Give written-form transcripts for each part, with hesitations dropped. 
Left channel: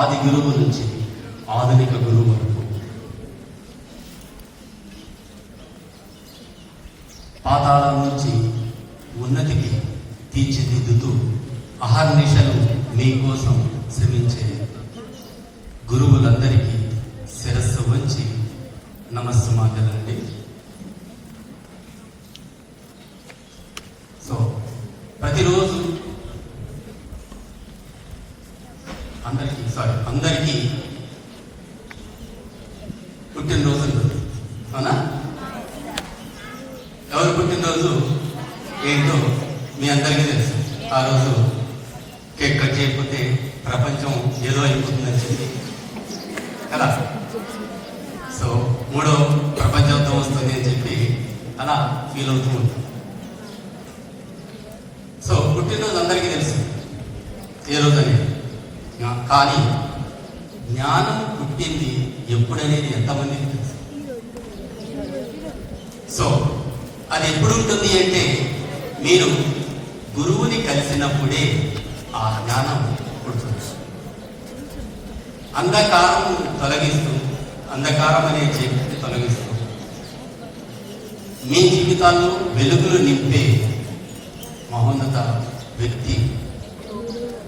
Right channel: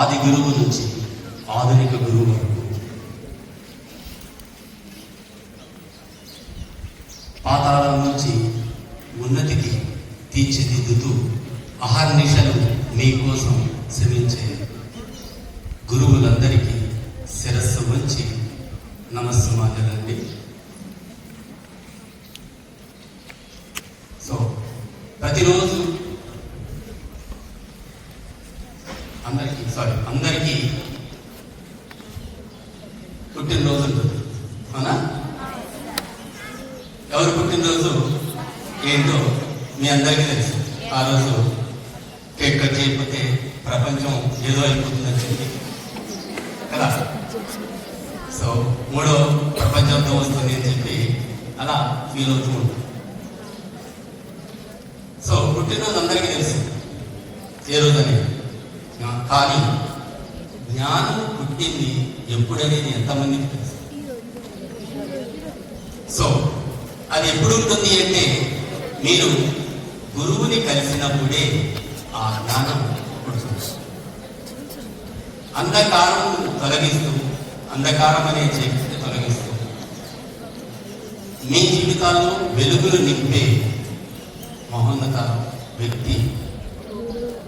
ఆది గురువు నుంచి ఆధునిక గురువు వరకు పాతాళం నుంచి ఉన్నతికి తీర్చిదిద్దుతూ అహర్నిశలు మీకోసం శ్రమించే గురువులందరికీ శిరస్సు వచ్చి నమస్సమాజండి. సో ప్రతిరోజు అందరికీ పుట్టినరోజు అవునా? ఎవరు పుట్టినరోజు ఏంటో మీ అందరికీ తెలుసు. ఆ రోజు కేక్ కట్ చేయకపోతే ప్రపంచం ఏదో అయిపోతుందని చెప్పి కదా. సో మూడో ప్రపంచంతో వస్తుంది అని చెప్పి అలా ఫీల్ అవుతున్నాం. సో పుట్టినరోజు అందరికీ తెలుసు ఏ రోజు అనేది. కానీ జ్ఞానం పుట్టింది ఎప్పుడనేది ఎంతమందికి తెలుసు? సో అది ఎప్పుడు ఉంటుంది అంటే మీరు గురువుని కలిసినప్పుడే ఆ జ్ఞానం పుడుతుంది. అంధకారం తొలగిస్తూ, అంధకారం అనే చీకటిని తొలగిస్తూ మీ జీవితాల్లో వెలుగులు నింపే మహోన్నత వ్యక్తి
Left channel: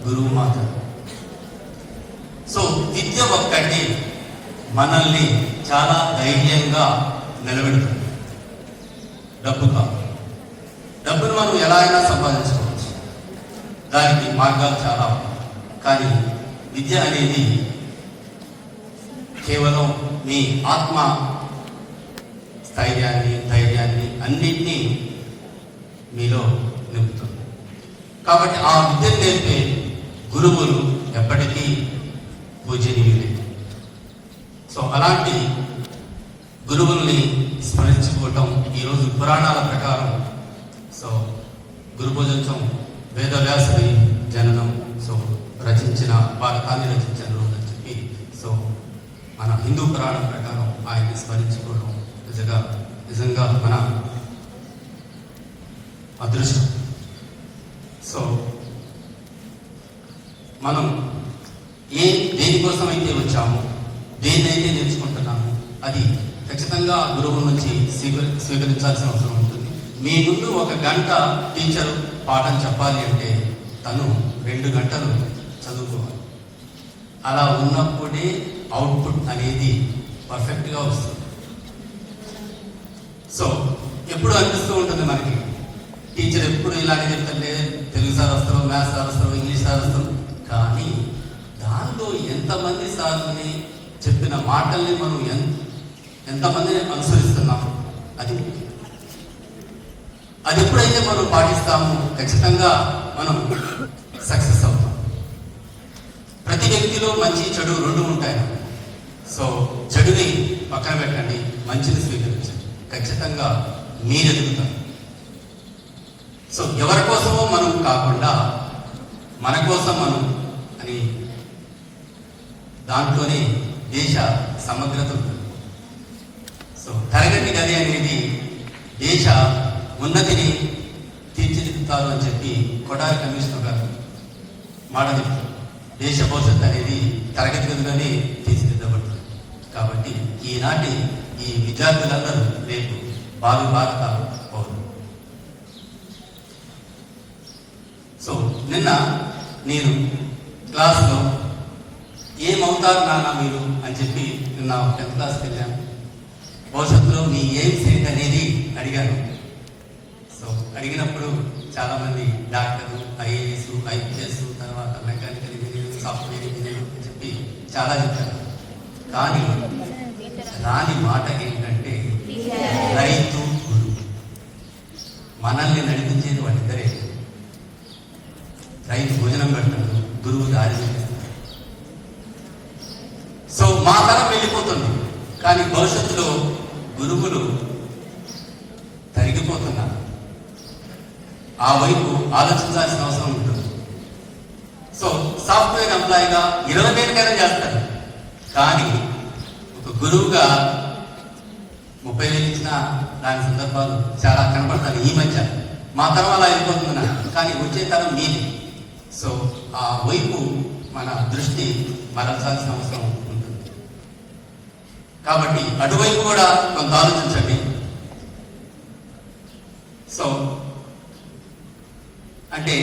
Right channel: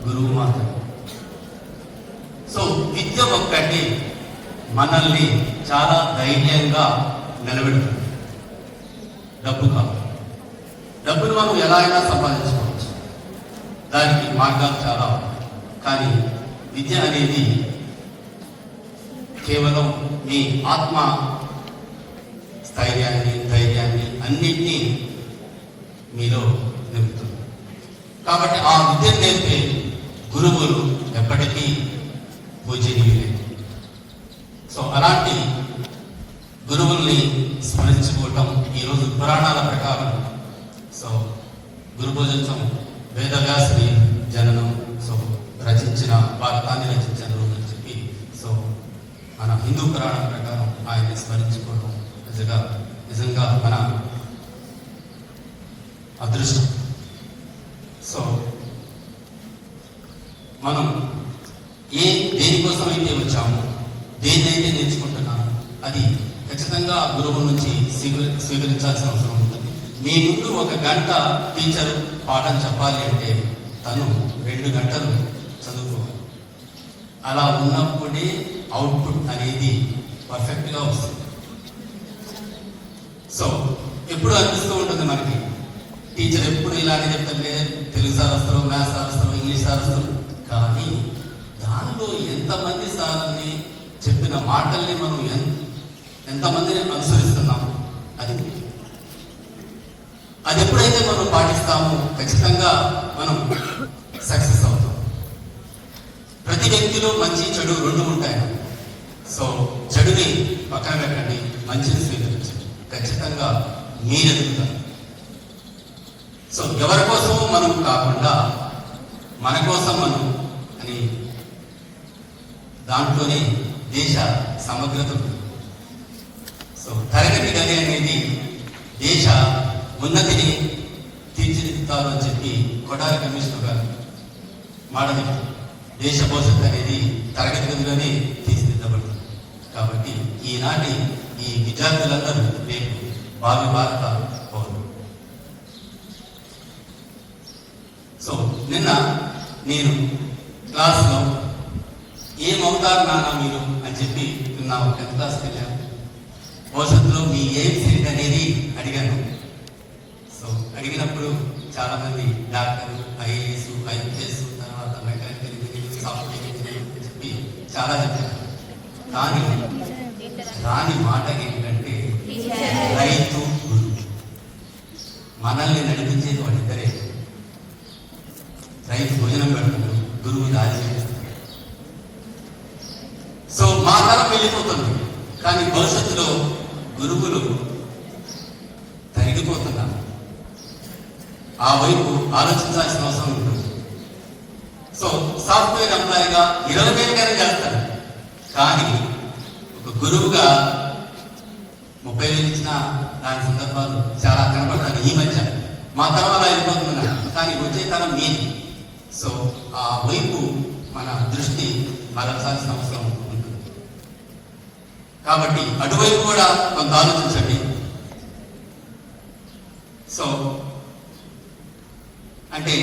గురువు మాత్రం. సో విద్య ఒక్కటి మనల్ని చాలా ధైర్యంగా నిలబెడుతుంది. డబ్బు కాదు. డబ్బును మనం ఎలా అయినా సంపాదించుకోవచ్చు, దానికి మార్గాలు చాలా. కానీ విద్య అనేది కేవలం మీ ఆత్మ ధైర్యాన్ని అన్నింటినీ మీలో నింపుతుంది. కాబట్టి ఆ విద్యను నేర్పే గురువులు ఎప్పటికీ పూజనీయులే. సో అలాంటి గురువుల్ని స్మరించుకోవటం ఈరోజు పురాణాల ప్రకారం. సో గురుభోజనం వేదవ్యాసుని జననం, సో రచించిన భారతాన్ని రచించిన రోజు అని చెప్పి, సో మన హిందూ పురాణం ప్రకారం ఆయన్ని స్మరించుకోవడం నిజంగా మన అదృష్టం. సో మనం దేనికోసం అయితే వచ్చామో, దేన్నైతే నేర్చుకుంటున్నామో అది ఖచ్చితంగా గురువు నుంచి స్వీకరించాల్సిన అవసరం ఉంటుంది. మీ ముందు 1 గంట టీచర్ పాఠం చెప్పాలి అంటే తను 2 గంటలు చదువుకోవాలి. అలా ఉన్నప్పుడే అవుట్పుట్ అనేది పర్ఫెక్ట్గా వస్తుంది. సో ఎప్పుడు అనిపిస్తూ ఉంటుంది మనకి, టీచర్ ఎప్పుడు ఇలాగే చెప్తారు, తెలుగు సార్ వస్తారు, మ్యాథ్స్ సార్ వస్తారు, ఇంగ్లీష్ సార్ వస్తారు. కానీ దానిలో ఎంతమంది సార్ని చెప్పిన మాటల్ని మనం ఎంతమందిని అనుసరిస్తున్నాము అది ఎప్పుడైతే మనం పాటిస్తామో ఖచ్చితంగా మనం సక్సెస్ అవుతాం. ప్రతి వ్యక్తిలో మంచి చెడు 2 ఉంటాయి. సో చెడుని పక్కన పెట్టండి, మంచిని స్వీకరించండి. ఖచ్చితంగా మీరెదుగుతాం. సో ఎవరి కోసమో మనం కాకుండా మన కోసం మనం అని దాంట్లోనే దేశ సమగ్రత. సో తరగతి గది అనేది దేశ ఉన్నతిని తీర్చిదిద్దుతారు అని చెప్పి కొడాలి కమిషనర్ గారు మాట చెప్తారు. దేశ భవిష్యత్తు అనేది తరగతి గదిలోనే తీర్చిదిద్దబడుతుంది. కాబట్టి ఈనాటి ఈ విద్యార్థులందరూ రేపు భావి భారత పౌరులు. సో నిన్న నేను క్లాస్లో ఏమవుతారు నాన్న మీరు అని చెప్పి నిన్న 10th క్లాస్కి వెళ్ళాను. భవిష్యత్తులో మీ ఎయిమ్స్ ఏంటి అనేది అడిగాను. సో అడిగినప్పుడు చాలామంది డాక్టర్లు, ఐఏఎస్, ఐపీఎస్, తర్వాత మెకానికల్ ఇంజనీరింగ్, సాఫ్ట్వేర్ ఇంజనీరింగ్ అని చెప్పి చాలా చెప్పారు. కానీ రాని మాట ఏంటంటే రైతు గురువు. మనల్ని నడిపించేది వాళ్ళిద్దరే. రైతు భోజనం పెడతాడు, గురువు దారి. సో మా తరం వెళ్ళిపోతుంది, కానీ భవిష్యత్తులో గురువులు తరిగిపోతున్నారు. ఆ వైపు ఆలోచించాల్సిన అవసరం ఉంటుంది. సో సాఫ్ట్వేర్ ఎంప్లాయీగా 20 ఏళ్ళకైనా చేస్తారు, కానీ ఒక గురువుగా 30 ఏళ్ళు ఇచ్చిన దాని సందర్భాలు చాలా కనపడతాయి. ఈ మధ్య మా తరం అలా వెళ్ళిపోతున్నారు, కానీ వచ్చే తరం మీది. సో ఆ వైపు మన దృష్టి ఆలోచించాల్సిన అవసరం ఉంటుంది. కాబట్టి అటువైపు కూడా కొంత ఆలోచించండి. సో అంటే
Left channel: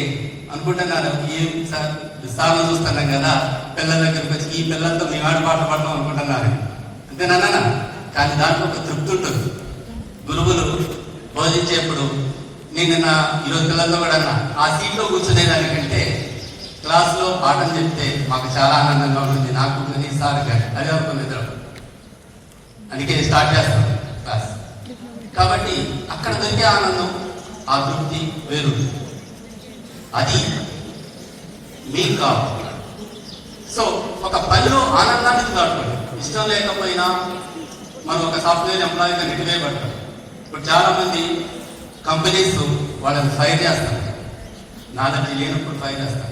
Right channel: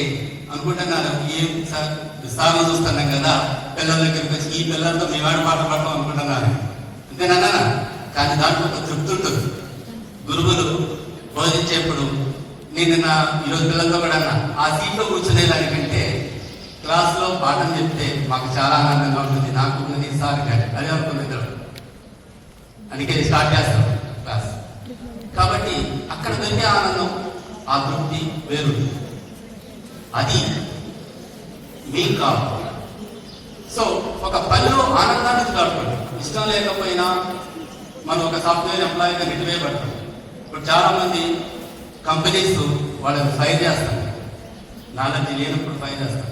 అనుకుంటున్నారు ఏం సార్ విస్తారం చూస్తున్నాం కదా, పిల్లల దగ్గరికి వచ్చి ఈ పిల్లలతో మేము ఆడ పాట పాడడం అనుకుంటున్నారు అంతేనా. కానీ దాంట్లో ఒక తృప్తి ఉంటుంది. గురువులు బోధించేప్పుడు నేను ఈరోజు పిల్లలతో కూడా అన్నా, ఆ సీట్లో కూర్చునేదానికంటే క్లాస్లో పాఠం చెప్తే మాకు చాలా ఆనందంగా ఉంటుంది. నాకు సార్ అదే అనుకునేది, అందుకే స్టార్ట్ చేస్తాను క్లాస్. కాబట్టి అక్కడ దొరికే ఆనందం, ఆ తృప్తి వేరు. అది మీకు కావాలి. సో ఒక పనిలో ఆనందాన్ని కావాలి. ఇష్టం లేకపోయినా మనం ఒక సాఫ్ట్వేర్ ఎంప్లాయీగా నెట్టివేయబడతాం. ఇప్పుడు చాలా మంది కంపెనీస్ వాళ్ళని ఫైర్ చేస్తారు, నాలెడ్జ్ లేనప్పుడు ఫైర్ చేస్తారు.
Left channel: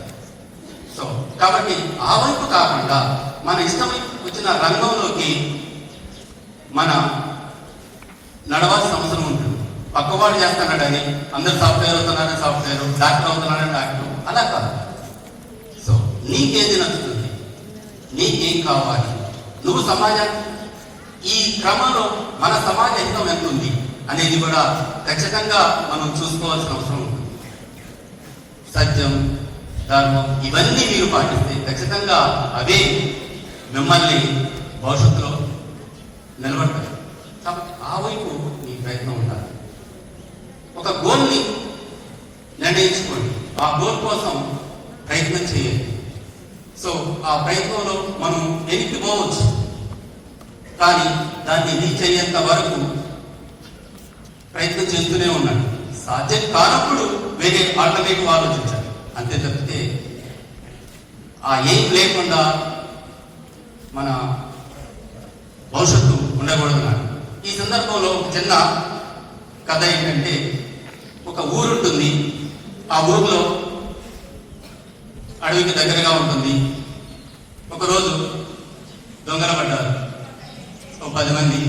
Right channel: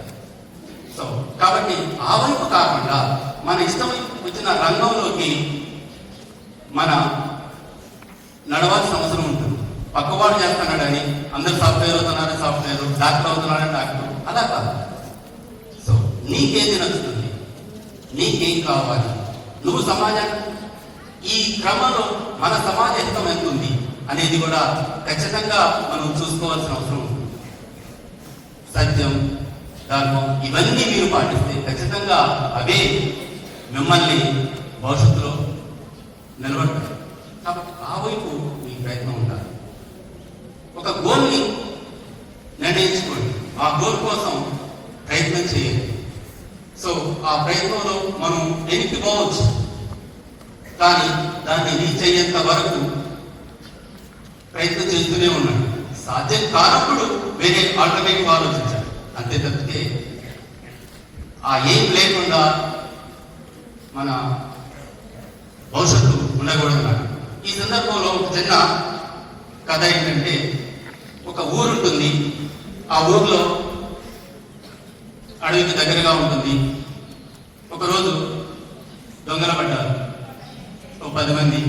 సో కాబట్టి ఆ వైపు కాకుండా మన ఇష్టం వచ్చిన రంగంలోకి మనం నడవాల్సిన అవసరం ఉంటుంది. పక్కవాడు చేస్తున్నాడని అందరు సాఫ్ట్వేర్ అవుతున్నారని సాఫ్ట్వేర్, డాక్టర్ అవుతున్నారని డాక్టర్, అలా కాదు. సో నీకేది నచ్చుతుంది, నీకేం కావాలి, నువ్వు సమాజం ఈ క్రమంలో మన సమాజ హితం ఎంత ఉంది అనేది కూడా ఖచ్చితంగా మనం చూసుకోవాల్సిన అవసరం ఉంది. సత్యం, ధర్మం ఇవన్నీ మీరు పాటిస్తే ఖచ్చితంగా అవే మిమ్మల్ని భవిష్యత్తులో నిలబడతాయి. ఆ వైపు మీ ప్రయత్నం ఉండాలి. ఒక గోల్ని నిర్ణయించుకోండి, ఆ గోల్ కోసం ప్రయత్నం చేయండి. సో ఆ ప్రయత్నంలో మనం వెనక్కి పోవచ్చు, కానీ దాన్ని రీచ్ అయ్యేంత వరకు ప్రయత్నం చేస్తూనే ఉన్నాడు. సాధ్యం కానప్పుడు వేరే ఆల్టర్నేటివ్ ఆలోచించాలి, అంతే తప్పితే ఆ ఏం లేకుండా మన భవిష్యత్తు ఉండకూడదు. ఈ సందర్భంలో చిన్న కథ ఏంటంటే, ఒక ఊరు ఉంటుంది. ఆ ఊర్లో అడవికి దగ్గరగా ఉంటుంది. ఒకరోజు దొంగల పడ్డారు 10 మంది.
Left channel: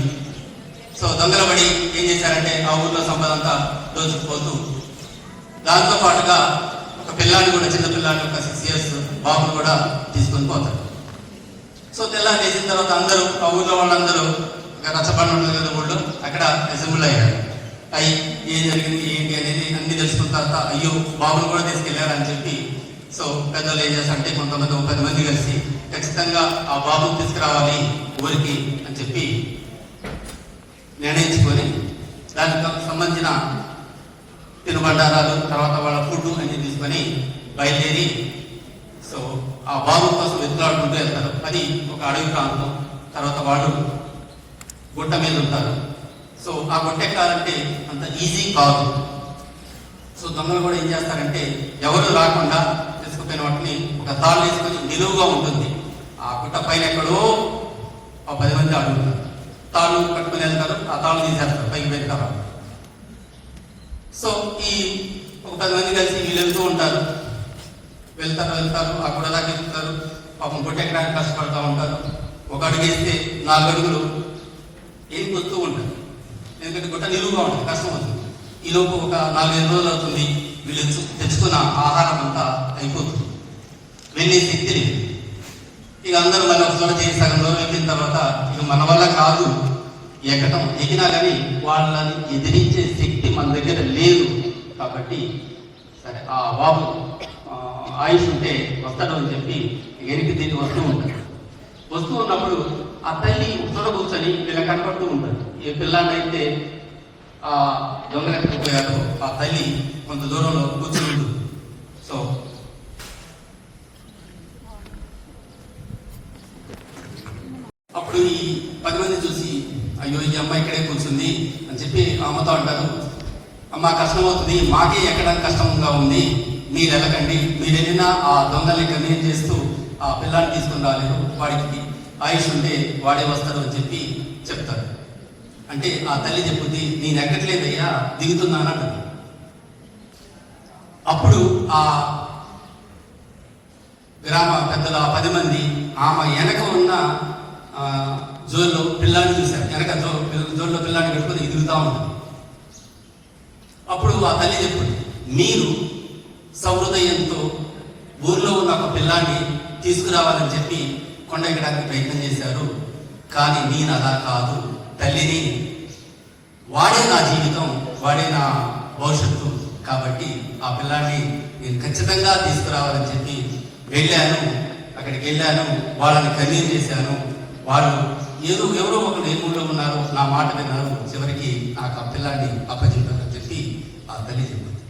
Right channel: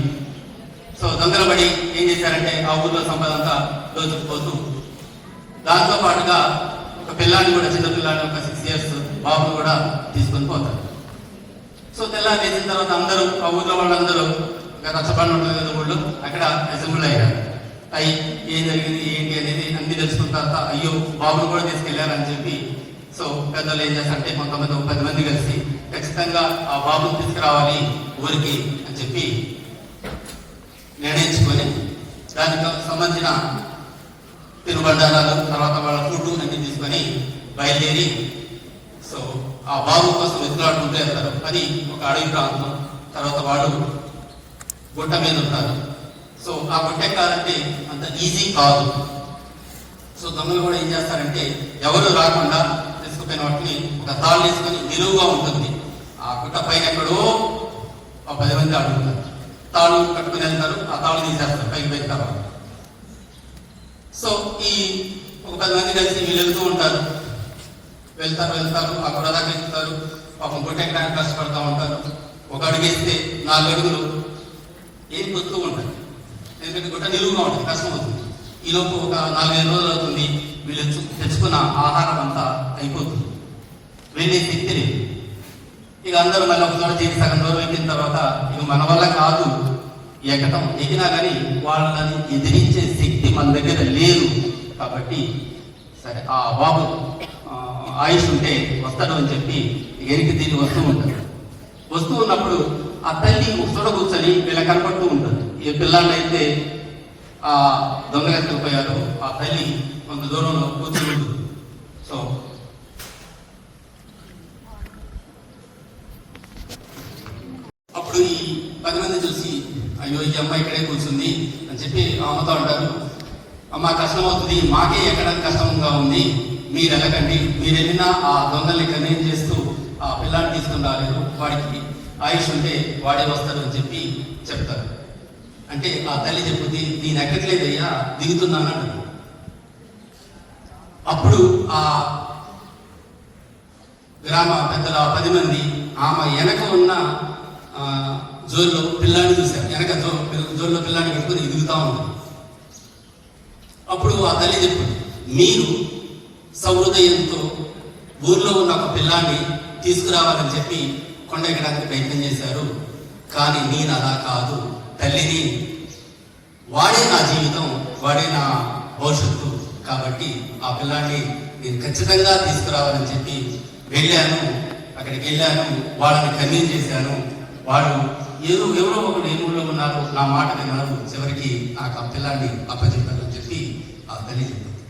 సో దొంగల పడి ఏం చేశారంటే ఆ ఊర్లో సంపద అంతా దోచుకుపోతూ, దాంతో పాటుగా ఒక పిల్లాన్ని కూడా, చిన్న పిల్లాన్ని, ఒక 6 years బాబు కూడా తీసుకుని పోతారు. సో తెల్లారి వేసిన తర్వాత అందరూ ఆ ఊర్లో వాళ్ళందరూ కష్టపడి ఉంటుంది కదా ఊళ్ళో, అక్కడ అసెంబ్లీ అయ్యారు. అయ్యి ఏం జరిగింది ఏంటి అనేది అన్ని తెలుసుకున్న తర్వాత అయ్యో బాబుని కూడా తీసుకెళ్లారని చెప్పి, సో పెద్దలు ఏం చేస్తారంటే కొంతమంది 10 మంది కలిసి ఖచ్చితంగా ఆ బాబుని తీసుకురావాలి ఊరికి అని చెప్పి నిర్ణయించుకొని దానికి సంబంధించిన తినుబండారాలు, తర్వాత వాళ్ళ ఫుడ్ అన్ని తీసుకొని బయలుదేరి సో ఆ బాబు కోసం వెతులాడుకుంటూ వెళ్తారు. అది ఒక అడవి ప్రాంతం. తర్వాత వాళ్ళు గుట్ట మీద ఉంటారు. సో ఆ గుట్ట ఎక్కాలంటే అంత ఈజీ కాదు. సో దొంగలు కూడా ఏం చేస్తారంటే ఎవరు రాకుండా తీసుకుపోయిన వాటిని ఒక తాళ్ళు వేసుకొని నిలువుగా ఉంటుంది. ఆ గుట్ట పైన ఎక్కడో 10 మంది అడుగుతారు, తాళ్ళు కట్టుకుని వెళ్తారు, ఆ తాళ్ళు తీసేస్తారు, పైకి పెడతారు. సో ఈ ఒక 10 మంది కలిసి వీళ్ళు వెళ్తూ ఉంటారు. వెళ్తారు ఆ గుట్ట దాకా ఎక్కుతారు. పాపం గుట్ట ఎక్కడానికి కష్టపడుతూ ఉంటారు. ఒక అడుగు వేస్తే 4 అడుగులు ఏం వస్తూ ఉంటారు, ఎందుకంటే గుట్ట నిలువుగా ఉంటుంది, కష్టం అవుతుంది. ఈ లోపు ఒక 4-5 రోజులు అవుతుంది. వీళ్ళు తెచ్చుకున్న ఆహారం అంతా అయిపోతుంది, వెళ్ళే శక్తి లేదు. ఇక అందరూ అలా చేసి సగం రోజులు ఎక్కిన తర్వాత ఇక మన వల్ల కాదు ఎక్కినా కానీ వాళ్ళని ఎదిరించే శక్తి మన దగ్గర లేదు. కాబట్టి సరే ఆ బాబు ఆయుష్ ఉంటే వస్తాడు అని చెప్పి ఎనికి దీన్ని వస్తూ ఉన్నప్పుడు ఆ తల్లి ముసడ కూర్చొని వీళ్ళ కనపడుతూ ఉంటుంది. ఏ పిల్లలైతే ఆ దొంగలు ఎత్తుకుపోయారు ఆ తల్లి కొంత దూరంలో కూర్చొని ఉంటుంది. సో అప్పుడు ఈ 10 మంది చూసి అయ్యో ఈ అమ్మాయి ఇక్కడే కూర్చుంది అని చెప్పి అమ్మతో అంటారు, అమ్మ కష్టం అవుతుంది, మాకే ఎక్కడానికి కష్టంగా ఉంది, మీరు వెళ్ళకండి, మీరు వెళ్ళినా ఆ దొంగల్ని కన్వీన్ చేస్తూ ఆ పిల్లాన్ని తీసుకుని రాలేదు, వాడికి ఆయుష్ ఉంటే వాడే వస్తారు అని చెప్పి చెప్తారు. అంటే ఆ తల్లి చెప్తుంది, నేను ఎక్కట్లేదయ్యా, దిగుతున్నానంట. అప్పుడు ఆ గ్రామ పెద్దల 10 మంది ఆమె వెనక ఉన్న జోరులో పిల్లాన్ని చూశారు. వెనక జోరులో పిల్లాన్ని పెట్టుకుని ఎదుగుతా ఉన్నారు. అప్పుడు ఆ తల్లి చెప్తుంది, మీరు సహృదయంతో ఊర్లో ఉన్న ఒక పిల్లాన్ని తీసుకురావాలని చెప్పి కొండ ఎక్కడానికి ప్రయత్నం చేశారు. కానీ నేను అలా కాదు, తల్లిని, వాడే నా జీవితం, వాడే నా భవిష్యత్తు, కాబట్టి ఆ పిల్లాన్ని నేను ఖచ్చితంగా తీసుకురావాలని చెప్పి వెళ్ళాను. అక్కడికి వెళ్ళాను, వాళ్ళని కన్విన్స్ చేశాను. వాళ్ళు ఎవరో ఒకరు ఎదురులో ఉన్నారు, నా మాట విన్నారు. చివరికి నాకు ఆ పిల్లాన్ని అప్పచెప్పారని చెప్పి ఆ తల్లి చెప్పింది.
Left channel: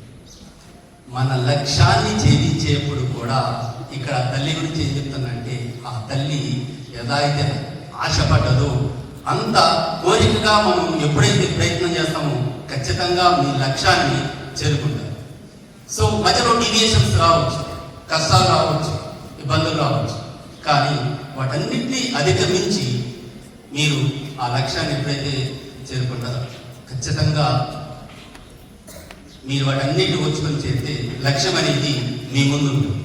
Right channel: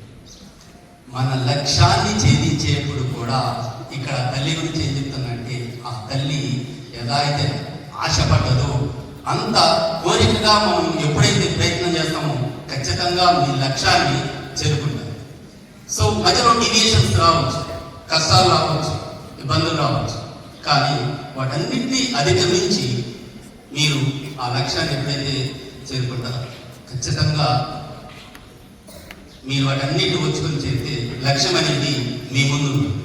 మన లక్ష్యాన్ని ఛేదించేప్పుడు కూడా ఇక్కడ తల్లి గురించి ఏం చెప్తుందంటే, ఆ తల్లి ఎలా అయితే ఆశపడ్డదో అంత కోరికగా మనం ఎప్పుడైతే ప్రయత్నం చేస్తామో ఖచ్చితంగా మీ లక్ష్యాన్ని చేరుకుంటారు. సో మధ్యలో డీవియేషన్స్ రావచ్చు, కష్టాలు రావచ్చు, ఇబ్బందులు రావచ్చు, కానీ వాటన్నింటినీ అధిగమించి మీరు ఆ లక్ష్యాన్ని ఎప్పుడైతే చేరుకుంటారో ఖచ్చితంగా మీరు వాటన్నిటి వచ్చుకొని చేస్తే లక్ష్యం అనేది మీ ముందు ఉంటుంది.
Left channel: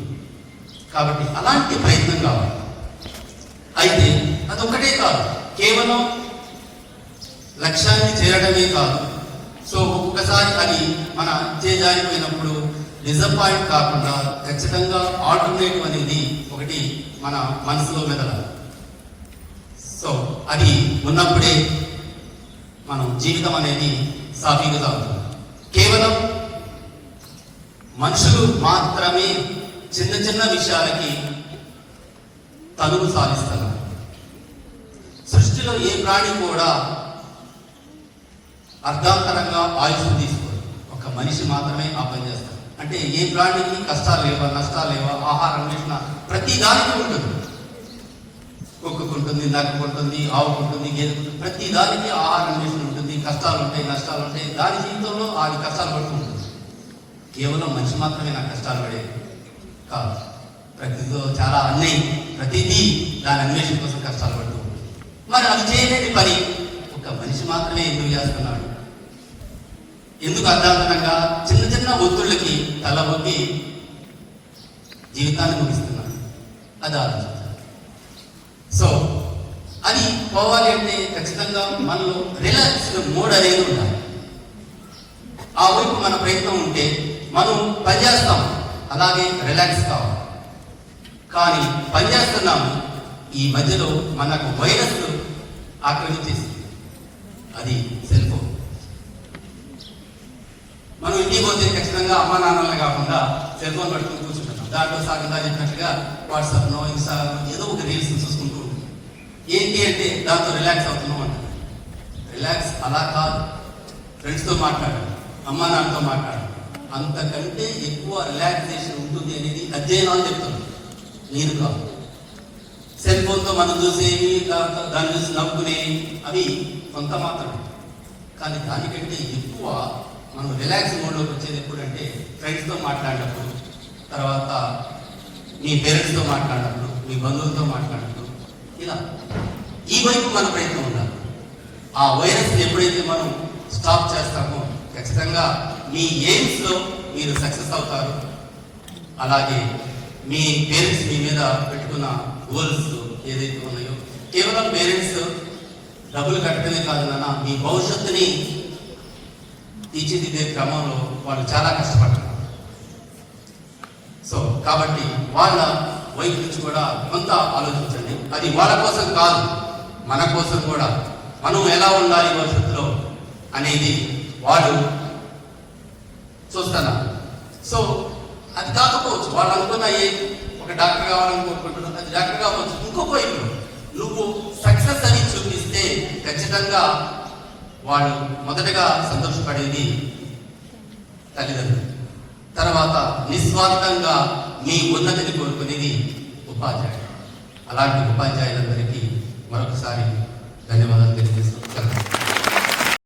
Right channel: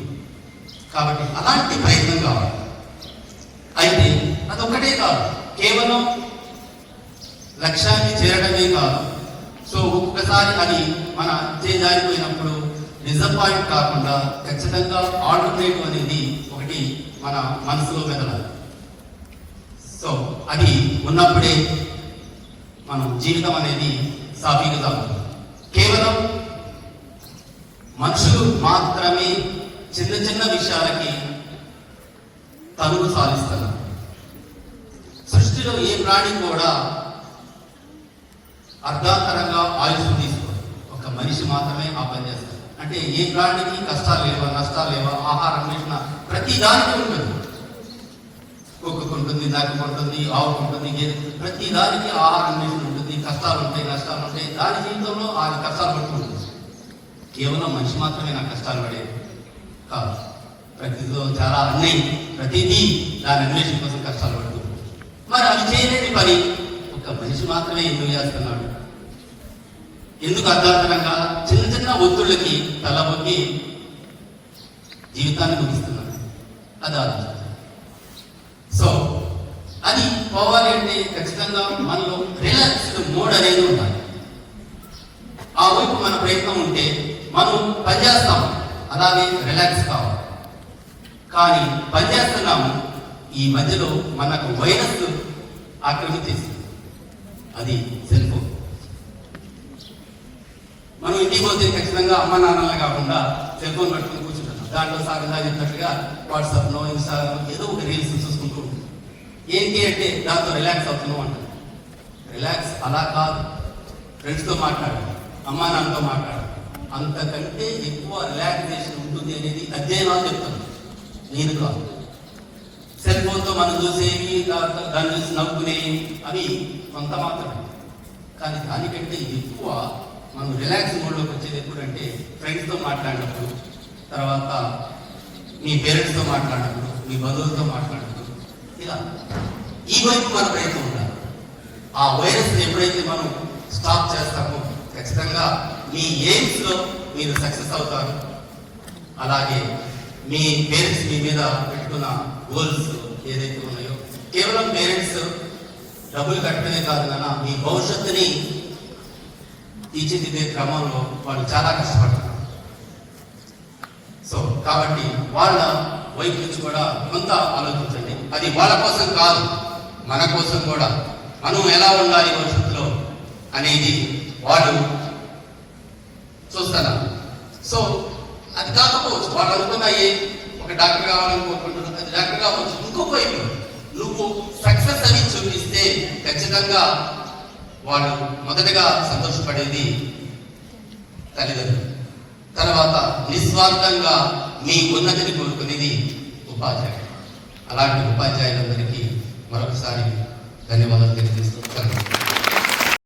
కాబట్టి అలాంటి ప్రయత్నం కావాలి. అయితే అదొకటే కాదు, కేవలం లక్ష్యాన్ని చేరడమే కాదు. సో ఒక్కసారి అది మన చేజారిపోయినప్పుడు డిసప్పాయింట్ కాకుండా ఖచ్చితంగా ఆల్టర్నేటివ్ అనేది ఒకటి మన మనసులో మెదలాలి. సో అది ఉన్నప్పుడే మనం జీవితం అనేది సాఫీగా సాగుతుంది. కేవలం మనుషులు మాత్రమే చిన్న చిన్న విషయాలకి తలుపు సాధిస్తున్నారు. సృష్టిలో ఏ ప్రాణి కూడా అర్ధాంతరంగా ఆయుష్ తీసుకోరు. ఒక మనిషి మాత్రమే ఆ పని చేస్తారు. అంటే ఏ ప్రాణికి కష్టాలు లేవా, నష్టాలు లేవా, ఆహారం వేసిన ప్రతి దానికి ఉంటుంది. కుక్కకు ఉంటుంది, నక్కకు ఉంటుంది, ఆవుకు ఉంటుంది, ప్రతి దానికి ఆహారం వేసి ఉంటుంది. కష్టాలు ఉంటాయి, నష్టాలు ఉంటాయి. దాని జీవితంలో ఆ కష్టాలు పడుతుంది. కేవలం మనిషి మాత్రమే నా కష్టాలు పడే కాదు. ప్రతిలో చాలా అన్నీ, ప్రతిదీ దాని అన్వేషణ కోసం కష్టాలు పడుతుంది. మరి అది చేయలేని పని ఒక మనిషి మాత్రమే ఎందుకు చేస్తున్నాడు? ఎందుకు అర్థాంతరంగా చిన్న చిన్న ఒత్తుళ్ళకి తలబొక్కి జీవితాన్ని ముగిస్తున్నాడు? అది ఆలోచన. సో అది పోవాలి అంటే ఖచ్చితంగా మనలో రిలాక్స్డ్ మోడ్ అనేది ఉండాలి. ఆ వైపు మన ప్రయత్నం ఉంటే మనం పనిచేస్తాం, అలాగే రిలాక్స్ కావాలి. కానీ పనిచేస్తున్నాము, ఈ మధ్యలో మనకు వైరస్ ఆక్రమించేసింది. అది సెల్ ఫోన్. మనం ఇంటికి పోతే ఖచ్చితంగా అమ్మ నాన్నలే కాకుండా సెల్ ఫోన్ పట్టుకుని కూర్చుంటాం. దాంట్లో సాగంగా చెప్పినట్టుగా వాట్సాప్లో, ఇన్స్టాగ్రామ్లో ఏదో ఒక రీల్స్ చూసుకుంటూ ఉంటాం. ఏంటి అంటే దాంతో రిలాక్స్ అవుతున్నాం అంటాం. రిలాక్స్ అలా కాదు. ఫ్రెండ్స్తో మాట్లాడాలి, అమ్మా నాన్నతో మాట్లాడాలి. అంతకంటే ఎక్కువ రిలాక్సేషన్ ఉంటుంది అనేది అధ్యయనాలు చెప్తాను, నేను కాదు. సెల్ ఫోన్తో మనం చూసేవి, దాన్ని చూసి నవ్వుకునేవి అవి కొంత మాత్రమే. కానీ దానికంటే ఎక్కువ మనం రిలాక్స్ మోడ్లోకి వచ్చేది ఎప్పుడంటే ఫ్రెండ్స్తో మాట్లాడినప్పుడు, తర్వాత మీ పేరెంట్స్తో మాట్లాడినప్పుడు, మీ బంధువులతో మాట్లాడినప్పుడు, ఇలా ఈ వైపు మన ప్రయత్నం ఉండాలి. ఆ వైరస్ ఎప్పుడైతే మనం స్టాప్ చేస్తామో ఖచ్చితంగా మీ ఎయిమ్స్లో మీరు సక్సెస్ అవుతారు. అలాగే మీ పేరెంట్స్ మీ మీద పెట్టుకున్న గోల్స్ ఏదైతే ఉన్నాయో, కేవలం పేరెంట్స్ డబ్బులు కట్టడమే కాదు నాన్న, మీ భవిష్యత్తుని తీర్చిదిద్దే క్రమంలో వాళ్ళు చాలా కష్టపడతారు. సో కాబట్టి వాళ్ళ వైపు నుంచి కూడా కొంత ఆలోచించండి. అది వాళ్ళ కోసం కాదు, మన కోసం కూడా. మనం ఎలా ఉండాలి భవిష్యత్తులో అనేది వాళ్ళు చూస్తారా. సో అది కాకపోవచ్చు, వాళ్ళు అనుకున్న ఒక డాక్టర్ కావాలని కోరుకుంటున్నారు, అది డాక్టర్ కావచ్చు. ఇంకొక వైపు నువ్వు సక్సెస్ అని చూపిస్తే ఖచ్చితంగా వాళ్ళు మొదటగా సంతోషపడేది తల్లిదండ్రులు. తర్వాత నిస్వార్థంగా మీ ఉన్నతిని కోరుకునేది ఉపాధ్యాయుడు. అలాంటి ఉపాధ్యాయులందరికీ మరొకసారి ధన్యవాదాలు తెలియజేస్తున్నాను.